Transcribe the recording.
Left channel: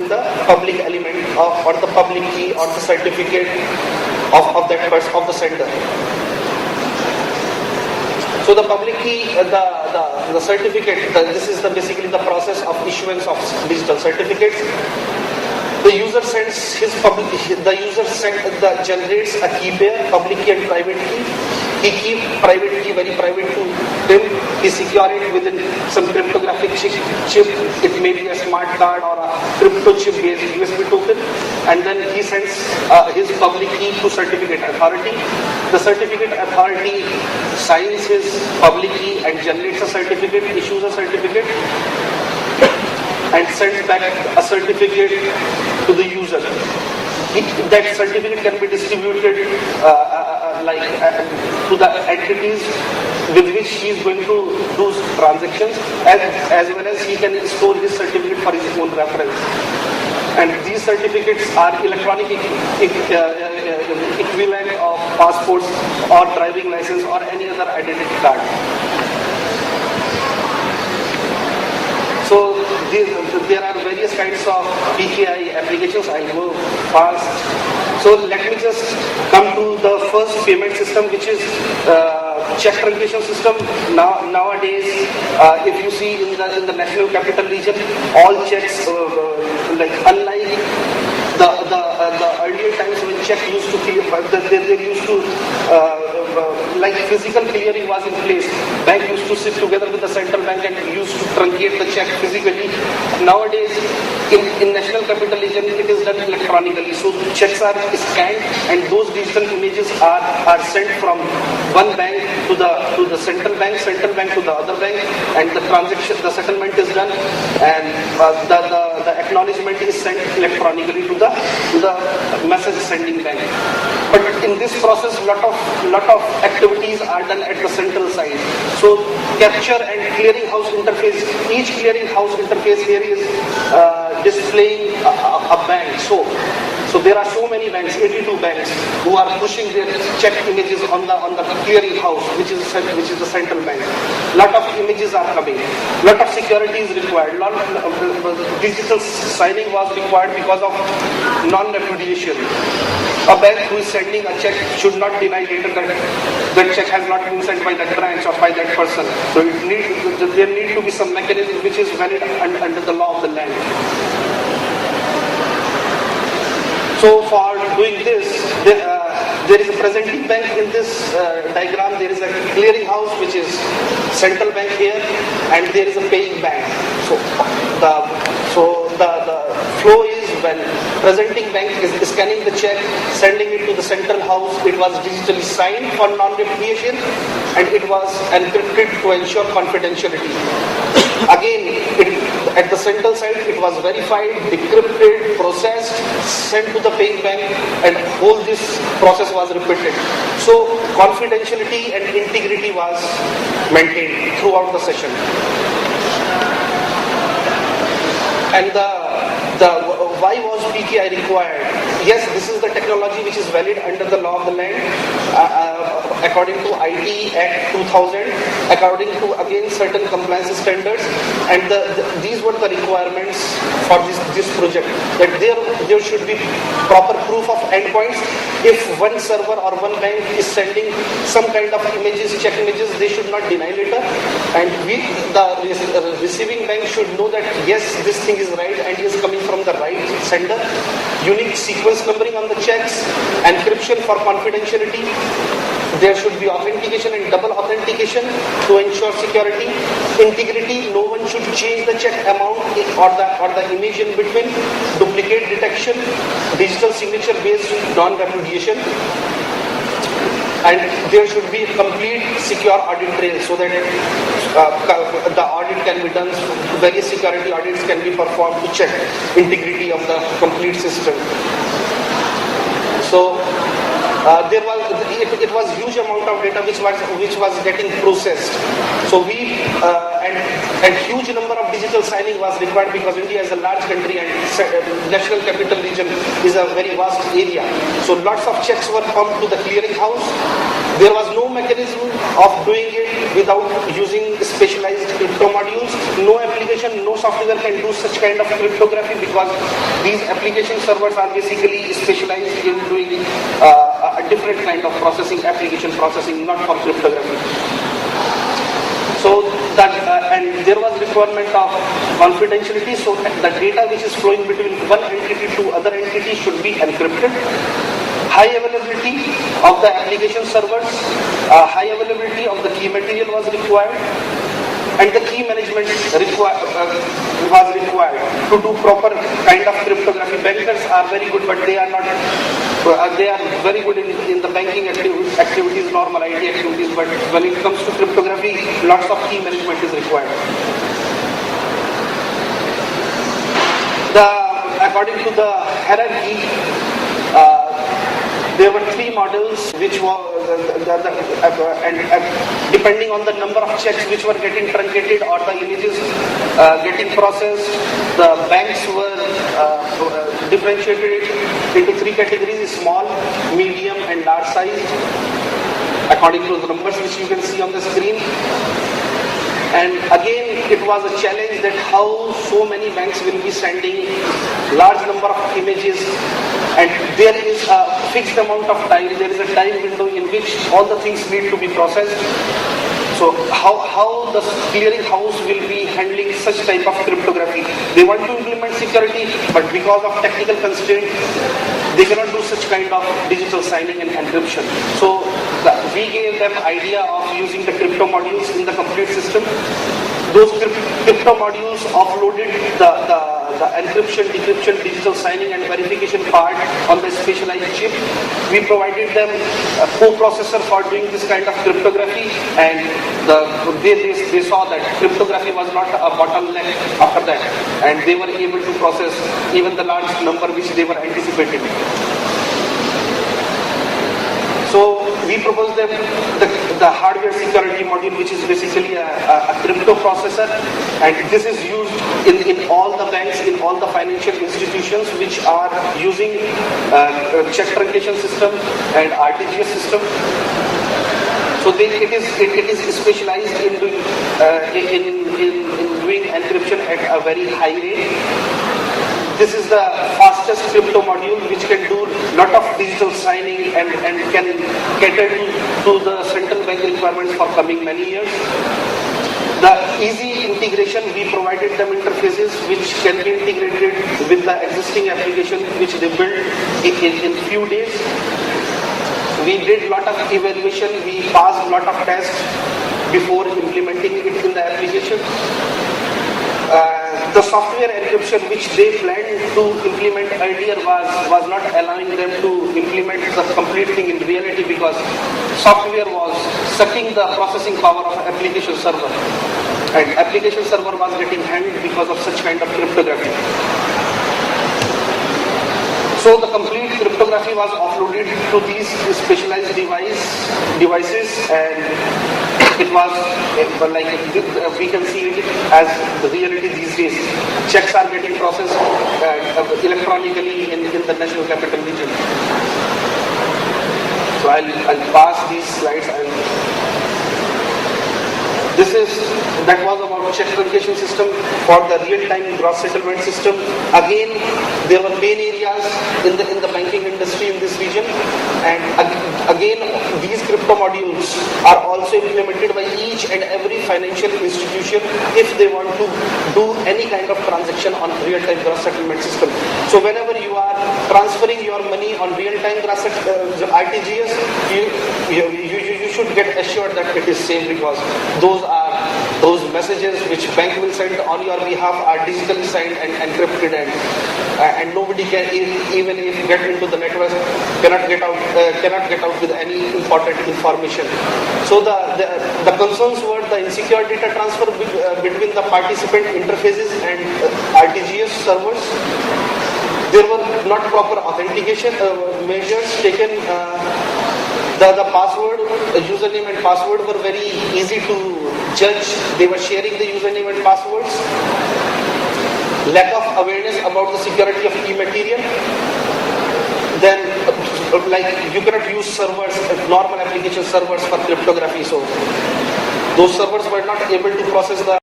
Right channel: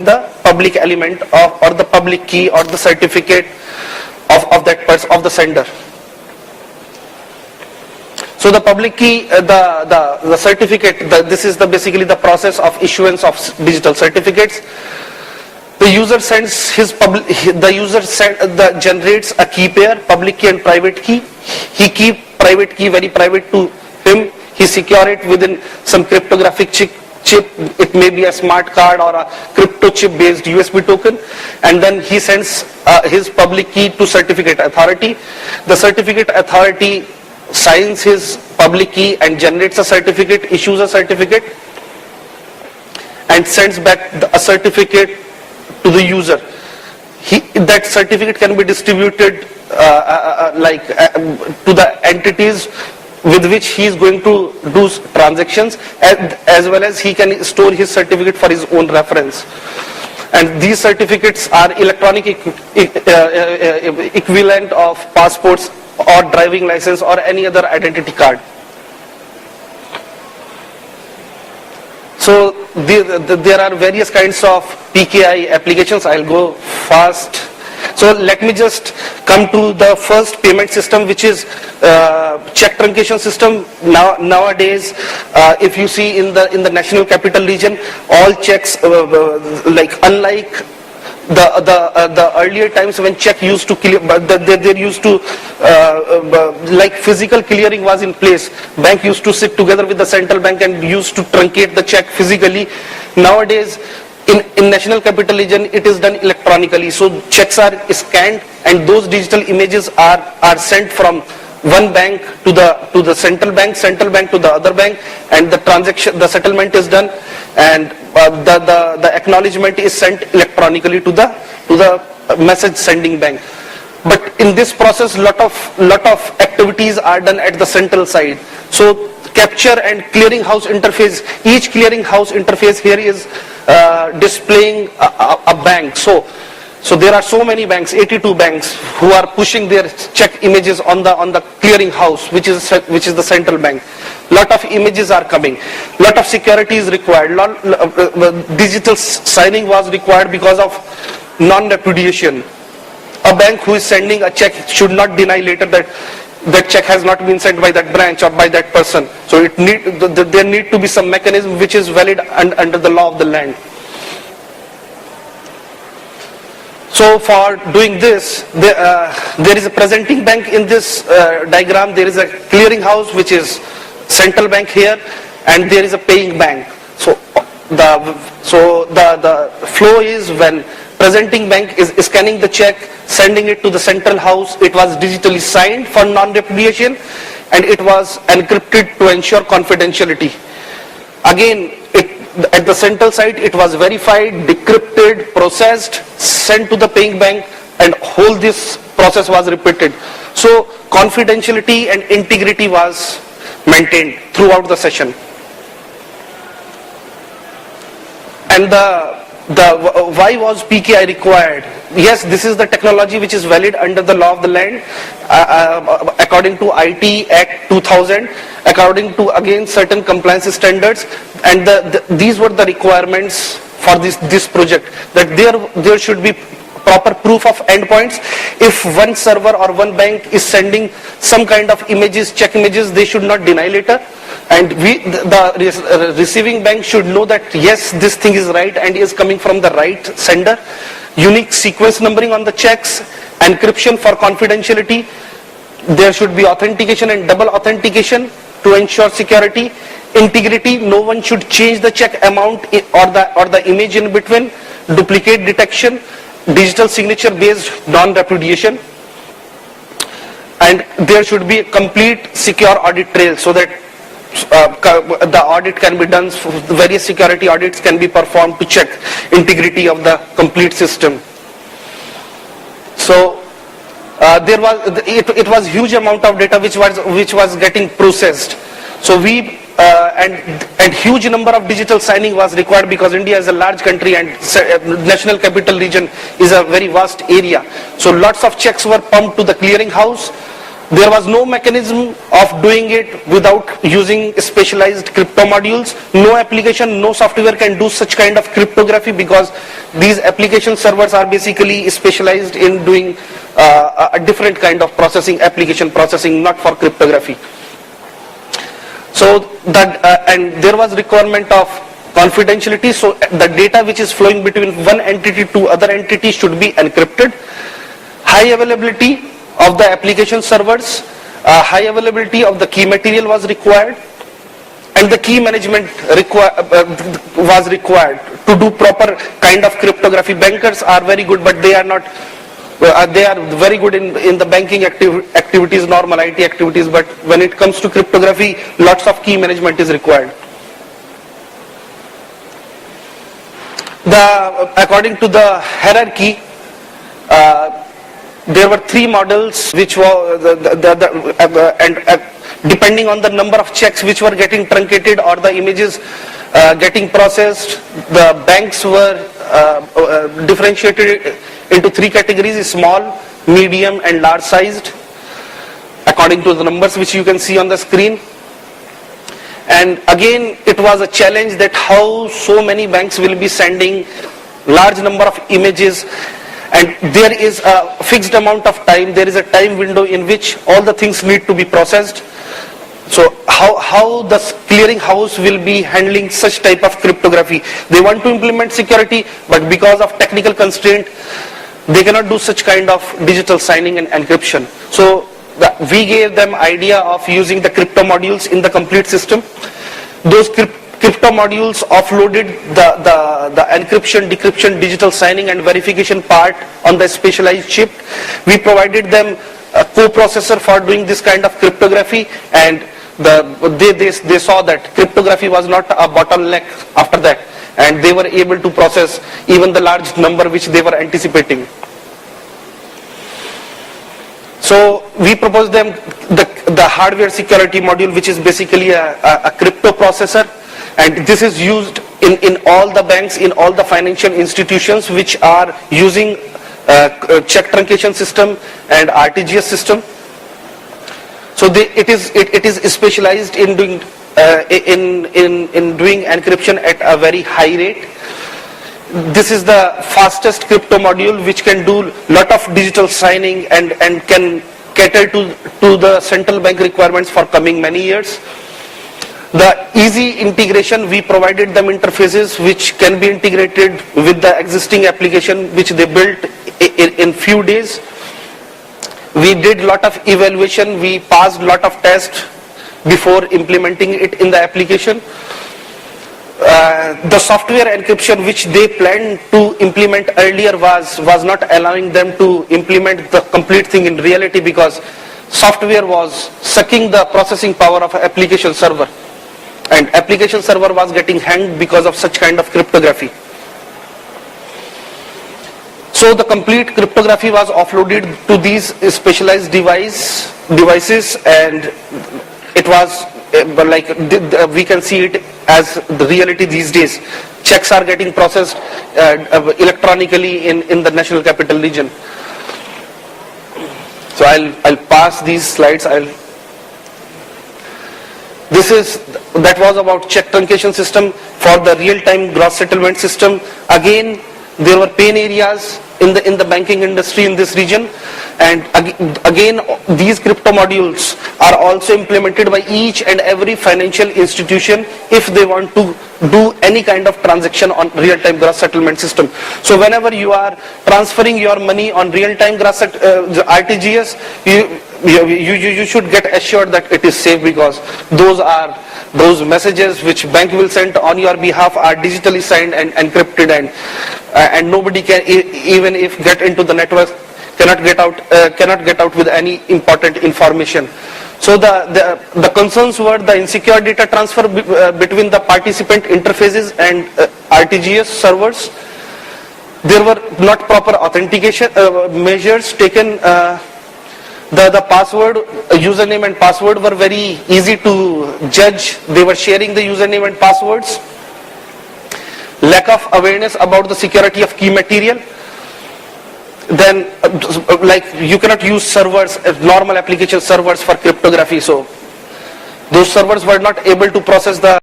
the public element or the public key or the certificate of that person, of the sender. So the public key, the certificate, this is basically the process of issuance of digital certificates. The user sends generates a key pair, public key and private key. He keep private key very private to him. He secure it within some cryptographic chip. It may be a smart card or a crypto chip based USB token, and then he sends his public key to certificate authority. The certificate authority signs his public key and generates a certificate, issues a certificate, and sends back a certificate to the user. That certificate can be distributed to the entities with which he is going to do transactions, as well as he can store his certificate for his own reference. And these certificates are electronic equivalent of passports or driving license or any other identity card. So there are various kinds of PKI applications. I'll go fast. So let me just come to the first payment system, which is check truncation system. Nowadays, if you see in the National Capital Region, all checks, unlike the earlier times when check used to clear, but they used to physical clearing was in place. Bank used to sit together with the central bank and used to truncate the check physically. Nowadays, in National Capital Region, it is done electronically. So checks are scanned, and those digital images are sent from one bank to the central bank to the other bank, and the settlement is done, and the acknowledgement is sent electronically to the message sending bank. But in this process, lot of activities are done at the central side. So capture and clearinghouse interface. Each clearinghouse interface here is displaying a bank. So there are so many banks, 82 banks, who are pushing their check images on the clearinghouse, which is the central bank. Lot of images are coming. Lot of security is required. Digital signing was required because of non-repudiation. A bank who is sending a check should not deny later that that check has not been sent by that branch or by that person. So there need to be some mechanism which is valid under the law of the land. So for doing this, there is a presenting bank in this diagram. There is a clearinghouse, which is central bank here, and there is a paying bank. So the flow is when presenting bank is scanning the check, sending it to the central house. It was digitally signed for non-repudiation, and it was encrypted to ensure confidentiality. Again, at the central side, it was verified, decrypted, processed, sent to the paying bank, and whole this process was repeated. So confidentiality and integrity was maintained throughout the session. And why was PKI required? Yes, this is the technology which is valid under the law of the land, according to IT Act 2000, according to again certain compliance standards, and these were the requirements for this project, that there should be proper proof of endpoints. If one server or one bank is sending some kind of images, check images, they should not deny later, and the receiving bank should know that yes, this thing is right and is coming from the right sender. Unique sequence numbering on the checks, encryption for confidentiality. There should be authentication and double authentication to ensure security. Integrity, no one should change the check amount or the image in between. Duplicate detection, digital signature based non-repudiation, and there should be a complete secure audit trail, so that the audit can be done. Various security audits can be performed to check integrity of the complete system. So it was huge amount of data which was getting processed. So and huge number of digital signing was required, because India is a large country and National Capital Region is a very vast area. So lots of checks were pumped to the clearing house, There was no mechanism of doing it without using specialized crypto modules. No application, no software can do such kind of cryptography because these application servers are basically specialized in doing a different kind of processing, application processing, not for cryptography. So that and there was requirement of confidentiality, so the data which is flowing between one entity to other entity should be encrypted. High availability of the application servers, high availability of the key material was required, and the key management was required to do proper kind of cryptography. Bankers are very good, but they are not. They are very good in the banking activities, normal IT activities, but when it comes to cryptography, lots of key management is required. According to the hierarchy, there were three models which were depending on the number of checks which were getting truncated or the images getting processed, the banks were differentiated into three categories: small, medium and large sized, according to the numbers which you can see on the screen. And again, it was a challenge that how so many banks will be sending large number of images, and there is a fixed amount of time, there is a time window in which all the things need to be processed. So how the clearing house will be handling such type of cryptography? They want to implement security, but because of technical constraint, they cannot do such kind of digital signing and encryption. So we gave them idea of using the crypto modules in the complete system. Those crypto modules offloaded the encryption, decryption, digital signing and verification part on the specialized chip. We provided them a co-processor for doing this kind of cryptography, and they saw that cryptography was not a bottleneck after that, and they were able to process even the large number which they were anticipating. So we proposed them the hardware security module, which is basically a crypto processor, and this is used in all the banks, in all the financial institutions which are using check truncation system and RTGS system. So it is specialized in doing doing encryption at a very high rate. This is the fastest crypto module which can do lot of digital signing and can cater to the central bank requirements for coming many years. The easy integration, we provided them interfaces which can be integrated with the existing application which they built in few days. We did lot of evaluation, we passed lot of tests before implementing it in the application. The software encryption which they planned to implement earlier was not allowing them to implement the complete thing in reality, because software was sucking the processing power of application server, and application server was getting hanged because of such kind of cryptography. So the complete cryptography was offloaded to these specialized devices, and it was like we can see it as the reality these days. Checks are getting processed electronically in the National Capital Region. So I'll pass these slides. That was about check truncation system. For the real-time gross settlement system, again there were pain areas in the banking industry in this region, and again these crypto modules are also implemented by each and every financial institution if they want to do any kind of transaction on real-time gross settlement system. So whenever you are transferring your money on real-time gross RTGS, you should get assured that it is safe, because those messages which bank will send on your behalf are digitally signed and encrypted, and nobody can, even if get into the network, cannot get out with any important information. So the concerns were the insecure data transfer between the participant interfaces and RTGS servers. There were not proper authentication measures taken. The password, username and password were very easy to judge. They were sharing the username and passwords. Lack of awareness about the security of key material. then like you cannot use servers, normal application servers for cryptography. So those servers were not able to process the